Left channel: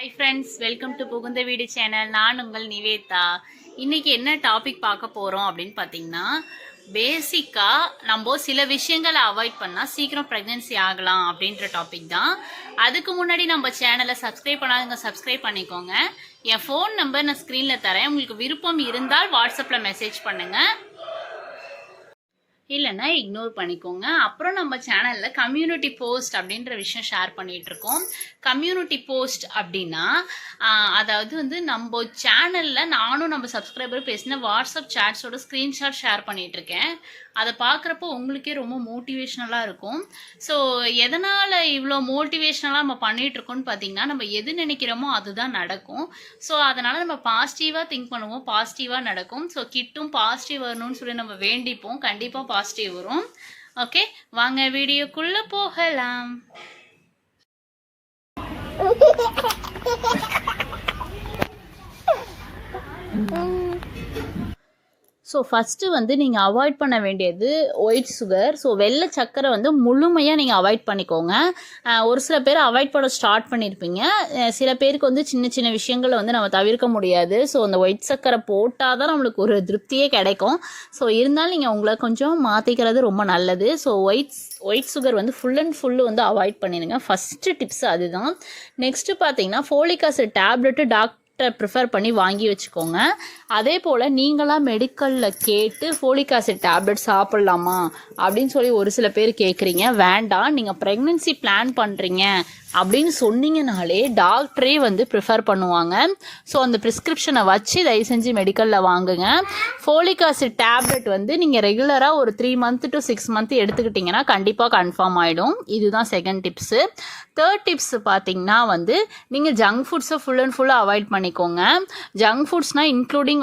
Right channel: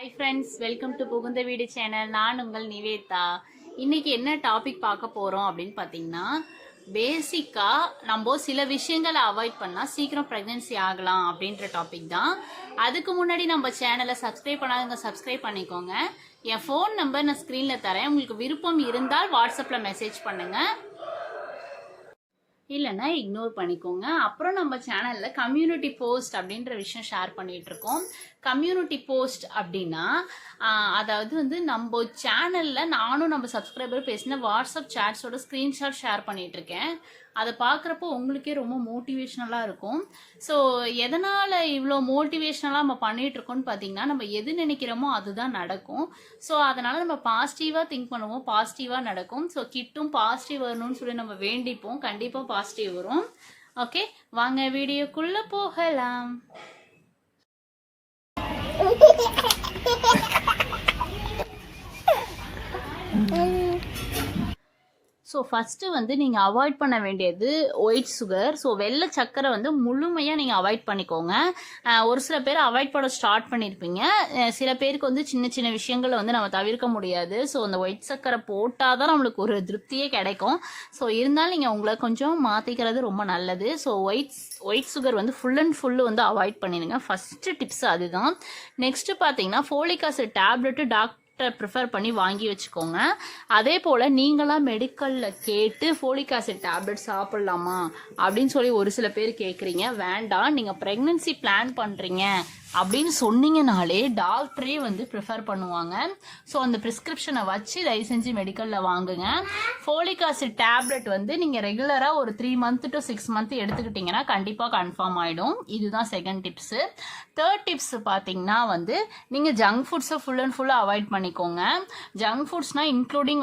Hi friends, welcome to புகுந்த வீடு channel. நான் உங்கள் நிவேதா. இன்றைக்கி என்ன டாபிக் பார்க்க போகிறோம் அப்படின்னு பார்த்தீங்கன்னா, பேசிக்காக நம்ம சில விஷயங்களை அவாய்ட் பண்ணால் சீக்கிரம் ப்ரெக்னென்சி ஆகலாம் அப்படின்ற டாபிக் தான். அதுக்கு முன்னாடி நம்ம சேனலை சப்ஸ்கிரைப் பண்ணாதவங்க சப்ஸ்கிரைப் பண்ணிக்கோங்க. என் ஃபோன் நம்பர் நான் ஸ்க்ரீனில் தரேன். உங்களுக்கு விருப்பம் இருந்தால் வாட்ஸ்அப்பில் மெசேஜ் பண்ணுங்கள், இல்லைன்னா இக்னோர் பண்ணிக்கோங்க. அப்புறம் நம்ம சேனலில் கம்யூனிட்டி போஸ்ட் அப்படின்ற விஷயம் ஷேர் பண்ணிகிட்ருக்கோம். கம்யூனிட்டி போஸ்ட் அப்படின்னா அதாவது நம்ம சேனலில் நானும் நம்ம சப்ஸ்கிரைபரும் பேசின வாட்ஸ்அப் சேட்ஸோட ஸ்க்ரீன்ஷாட் ஷேர் பண்ணிகிட்ருக்கேன். அதை பார்க்குறப்போ உங்களுக்கே ரொம்ப மோட்டிவேஷ்னலாக இருக்கும். ஸோ எதனால் இவ்வளோ மோட்டிவேஷ்னலாக நம்ம பண்ணிகிட்ருக்கோன்னு பார்த்தீங்கன்னா, நம்ம எது நினைக்கிறோமோ அதுதான் நடக்கும். ஸோ அதனால் நம்ம பாசிட்டிவாக திங்க் பண்ணுவோம், பாசிட்டிவாக நடக்கும். ஸோ கிட்டும் பாசிட்டிவ் வரணும்னு சொல்லி நம்ம வேண்டிப்போம், கண்டிப்பாக பாசிட்டிவ் வரும். ஓகே, வாங்க வீடியோக்குள்ளே போகலாம். ஸோ ஃபஸ்ட்டு நீங்கள் அவாய்ட் பண்ண வேண்டியது ஒயிட் சுகர். ஸோ வெள்ளை சர்க்கரை முழுமையாக நீங்கள் அவாய்ட் பண்ணிக்கோங்க. ஒரு சில பேர் அவாய்ட் பண்ண ஸ்டார்ட் பண்ணியிருப்பீங்க. சில பேருக்கு சின்ன சின்ன விஷயங்களை நம்ம தவிர்க்க முடியாது. ஸோ அந்த ஒயிட் சர்க்கரை போட்டால் தான் நம்மளுக்கு ஒரு திருப்தியே கிடைக்கும். ஸோ இருந்தாலும் நீங்கள் உங்களை கொஞ்சம் மாற்றிக்கிறது ரொம்ப நல்லது. So white sugar full and full avoid பண்ணிடுங்க. ஃபஸ்ட்டு டிப்ஸ் அதுதான். நெக்ஸ்ட்டு பார்த்தீங்கன்னா, ஃபோலிக் ஆசிட் டேப்லெட்டு ப்ரிஃபர் பண்ணி வாங்கி வச்சுக்கோங்க. அதே போல் நீங்களாம் மெடிக்கலில் கேட்டு ஃபோலிக் ஆசிட் டேப்லெட் சாப்பிட்லாமா அப்படின்னு சொல்லி ஒரு சில பேர் கேட்குறீங்க. வேண்டாம், நீங்கள் ப்ரெக்னென்சி பிளான் பண்ணுறீங்க அப்படின்னு சொன்னீங்கனாலே டாக்டரே ப்ரிஃபர் பண்ணுவாங்க. ஸோ அந்த ப்ரிஸ்கிரிப்ஷனை வச்சு தயவு செஞ்சு மெடிக்கலில் வாங்குங்க. ஃபோலிக் ஆசிட் டேப்லெட் நீங்கள் ரெகுலராக ஒரு 3 month to 6 month எடுத்துக்கிட்டிங்கன்னா கண்டிப்பாக கன்ஃபார்ம் ஆகிடும். இதுதான் செகண்ட் டிப்ஸு. தேர்ட் டிப்ஸ் பார்த்தீங்கன்னா நீங்கள் ஜங்க் ஃபுட்ஸை ஃபுல் அண்ட் ஃபுல்லாக அவாய்ட் பண்ணிக்கோங்க. ஜங்க் ஃபுட்ஸ்னால் இன்க்ளூடிங்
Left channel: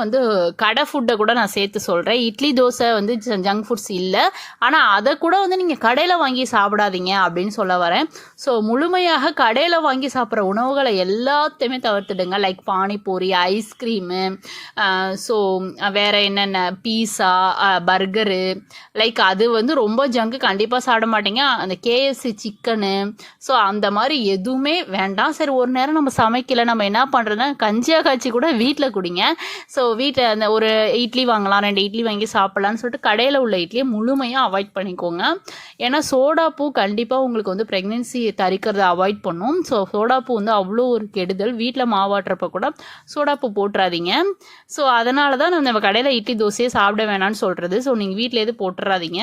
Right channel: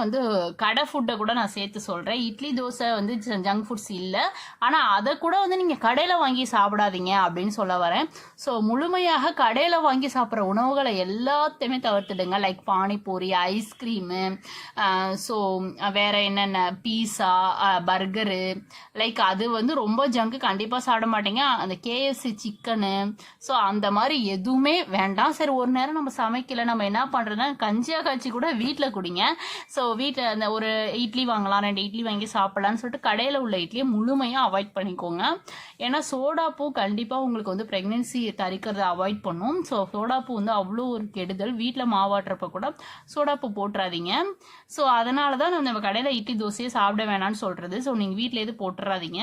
கடை ஃபுட்டை கூட நான் சேர்த்து சொல்கிறேன். இட்லி தோசை ஜங்க் ஃபுட்ஸ் இல்லை, ஆனால் அதை கூட நீங்கள் கடையில் வாங்கி சாப்பிடாதீங்க அப்படின்னு சொல்ல வரேன். ஸோ முழுமையாக கடையில் வாங்கி சாப்பிட்ற உணவுகளை எல்லாத்தையுமே தவிர்த்துடுங்க. லைக் பானிபூரி, ஐஸ்கிரீமு, ஸோ வேறு என்னென்ன பீஸா, பர்கரு, லைக் அது ரொம்ப ஜங்கு கண்டிப்பாக சாப்பிட மாட்டீங்க. அந்த கேஎஃப்சி சிக்கனு, ஸோ அந்த மாதிரி எதுவுமே வேண்டாம். சரி, ஒரு நேரம் நம்ம சமைக்கலை, நம்ம என்ன பண்ணுறதுனா கஞ்சியாக காய்ச்சி கூட வீட்டில் குடிங்க. ஸோ வீட்டில் அந்த ஒரு இட்லி வாங்கலாம், 2 இட்லி வாங்கி சாப்பிட்லான்னு சொல்லிட்டு கடையில் உள்ள இட்லியை முழுமையாக அவாய்ட் பண்ணிக்கோங்க. ஏன்னா சோடாப்பூ கண்டிப்பாக உங்களுக்கு ப்ரெக்னென்சி தரிக்கிறத அவாய்ட் பண்ணும். ஸோ சோடாப்பூ அவ்வளோ ஒரு கெடுதல். வீட்டில் மாவாட்டுறப்ப கூட சோடாப்பூ போட்டுறாதீங்க. ஸோ அதனால தான் நம்ம கடையில் இட்லி தோசையே சாப்பிட வேணான்னு சொல்கிறது. ஸோ நீங்கள் வீட்டில் எது போட்டுறாதீங்க.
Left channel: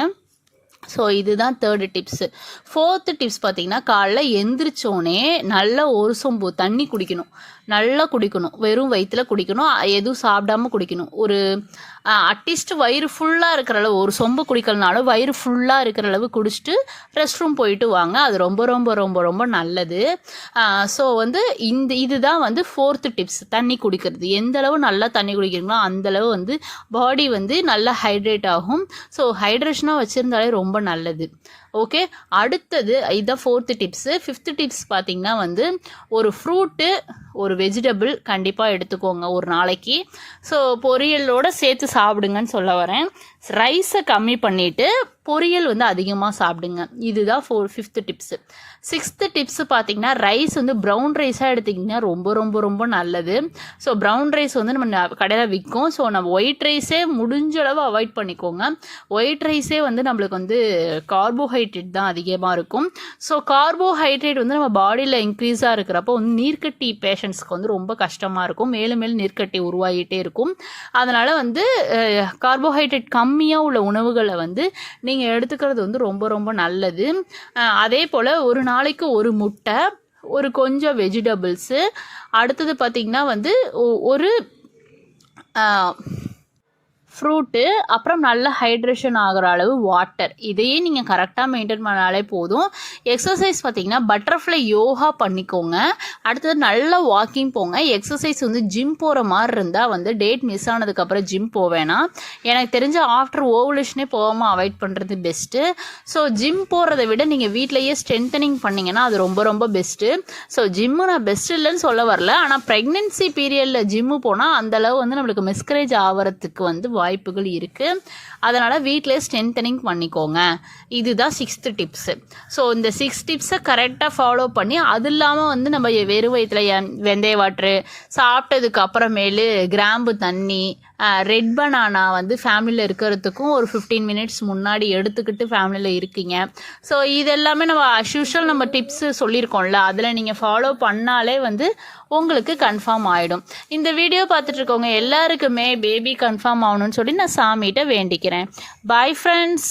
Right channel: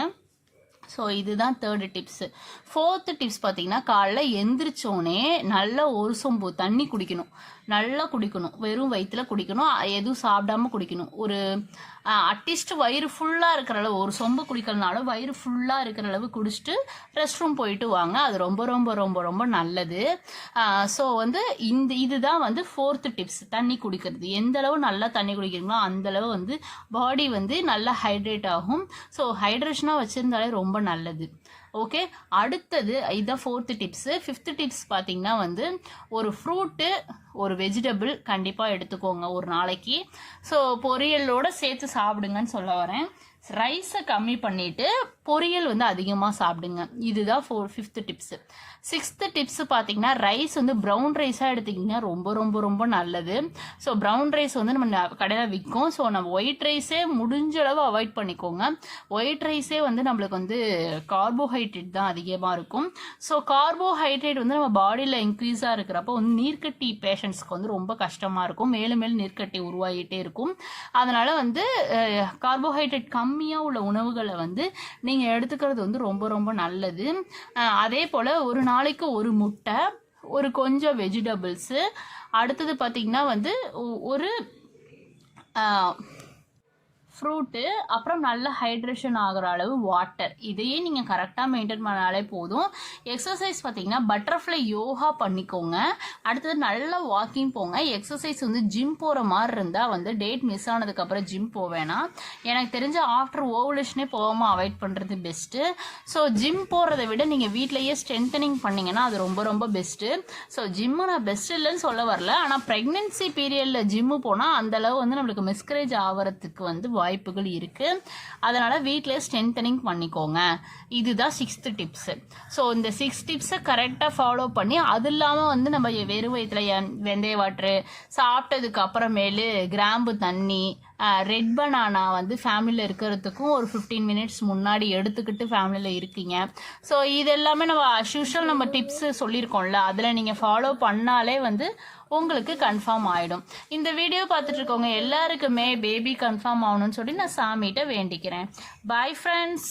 ஸோ இதுதான் தேர்டு டிப்ஸு. ஃபோர்த்து டிப்ஸ் பார்த்தீங்கன்னா, காலைல எந்திரிச்சோடனே நல்லா ஒரு சொம்பு தண்ணி குடிக்கணும். நல்லா குடிக்கணும், வெறும் வயிற்றில் குடிக்கணும், எதுவும் சாப்பிடாமல் குடிக்கணும். ஒரு அட்லீஸ்ட் வயிறு ஃபுல்லாக இருக்கிற அளவு, ஒரு சொம்பு குடிக்கலனாலும் வயிறு ஃபுல்லாக இருக்கிற அளவு குடிச்சிட்டு ரெஸ்ட் ரூம் போயிட்டு வாங்க. அது ரொம்ப ரொம்ப ரொம்ப ரொம்ப நல்லது. ஸோ இதுதான் ஃபோர்த்து டிப்ஸ், தண்ணி குடிக்கிறது. எந்த அளவு நல்லா தண்ணி குடிக்கிறீங்களோ அந்தளவு பாடி நல்லா ஹைட்ரேட் ஆகும். ஸோ ஹைட்ரேஷனாக வச்சுருந்தாலே ரொம்ப நல்லது. ஓகே, அடுத்தது இதுதான் ஃபோர்த்து டிப்ஸு. ஃபிஃப்த்து டிப்ஸ் பார்த்தீங்கன்னா ஒரு ஃப்ரூட்டு, ஒரு வெஜிடபிள் கண்டிப்பாக எடுத்துக்கோங்க ஒரு நாளைக்கு. ஸோ பொரியலோடு சேர்த்து சாப்பிடுங்கன்னு சொல்ல வரேன். ரைஸை கம்மி பண்ணிவிட்டு பொரியல் அதிகமாக சாப்பிடுங்க. இதுதான் ஃபிஃப்த்து டிப்ஸு. சிக்ஸ்த்து டிப்ஸு பார்த்தீங்கன்னா, ரைஸ் ப்ரௌன் ரைஸாக எடுத்திங்கன்னா ரொம்ப ரொம்ப ரொம்ப நல்லது. ஸோ ப்ரௌன் ரைஸ் நம்ம கடையில் விற்கும். ஸோ நம்ம ஒயிட் ரைஸே முடிஞ்ச அளவு அவாய்ட் பண்ணிக்கோங்க. ஒயிட் ரைஸே நம்மளுக்கு கார்போஹைட்ரேட் தான் அதிகமாக இருக்கும். ஸோ கார்போஹைட்ரேட் நம்ம பாடியில் இன்க்ரீஸாக இருக்கிறப்போ நீர்க்கட்டி பேஷண்ட்ஸ்க்கு ரொம்ப கஷ்டமாக இருக்கும். மேலும் மேலும் நீர்க்கட்டி உருவாகிட்டே இருக்கும். அதனால் கார்போஹைட்ரேட் கம்மியாக உள்ள உணவுகளை நீங்கள் எடுத்துக்கிறது ரொம்ப ரொம்ப நல்லது. அதே போல் ஒரு நாளைக்கு ஒரு முட்டை, ஒரு கொஞ்சம் வெஜிடபிள்ஸு, அடுத்தது பார்த்திங்கன்னா ஒரு ஃப்ரூட்டு, அப்புறம் நல்ல ஹைட்ரேஷன் ஆகிற அளவு வாட்டர். இதையே நீங்கள் கரெக்டாக மெயின்டைன் பண்ணாலே போதும். எக்ஸசைஸ் பார்த்திங்கன்னா, பட்டர்ஃப்ளை யோகா பண்ணிக்கோங்க. அடுத்தது நல்லா வாக்கிங் போங்க. எக்ஸசைஸ் ஜிம் போகிற மாதிரி இருந்தால் டேட் மிஸ் ஆனதுக்கப்புறம் ஜிம் போவேனா. எனக்கு தெரிஞ்ச ஆஃப்டர் ஓவலேஷனே போகாமல் அவாய்ட் பண்ணுறது பெஸ்ட்டு. ஸோ ஜிம் போகிறத விட நீங்கள் வீட்டிலையே ஸ்ட்ரென்தனிங் பண்ணிங்கன்னா அது ரொம்ப ரொம்ப பெஸ்ட்டு. ஸோ ஜிம்மு நான் பெஸ்ட் இல்லைன்னு சொல்ல வரல, ஆனால் ப்ரெக்னென்சி பீரியடில் ஜிம்மு போனால் அந்தளவு நம்மளுக்கு மிஸ்கரேஜ் ஆகிறதுக்கு வாய்ப்புகள் இருக்குது. அதனால் வீட்டிலே ஸ்ட்ரென்தனிங் பண்ணிக்கோங்க. இதுதான் 6th டிப்ஸு. ஸோ இந்த 6 டிப்ஸை கரெக்டாக ஃபாலோ பண்ணி அது இல்லாமல் வந்து நம்ம வெறும் வயிற்றில் வெந்தய வாட்ரு சாப்பிட்டதுக்கு அப்புறமேலு கிராம்பு தண்ணி ரெட் பனானா வந்து ஃபேமிலியில் இருக்கிறதுக்கும் ஒரு 15 மினிட்ஸ் முன்னாடி எடுத்துக்கிட்டு ஃபேமிலியில் இருக்கீங்க. ஸோ இது எல்லாமே நம்ம அஸ்யூஷுவல் நம்ம டிப்ஸு சொல்லியிருக்கோம்ல, அதில் நீங்கள் ஃபாலோ பண்ணாலே வந்து உங்களுக்கு கன்ஃபார்ம் ஆகிடும். இந்த வீடியோ பார்த்துட்டு இருக்கவங்க எல்லாருக்குமே பேபி கன்ஃபார்ம் ஆகணும்னு சொல்லி நான் சாமிகிட்ட வேண்டிக்கிறேன். Bye friends.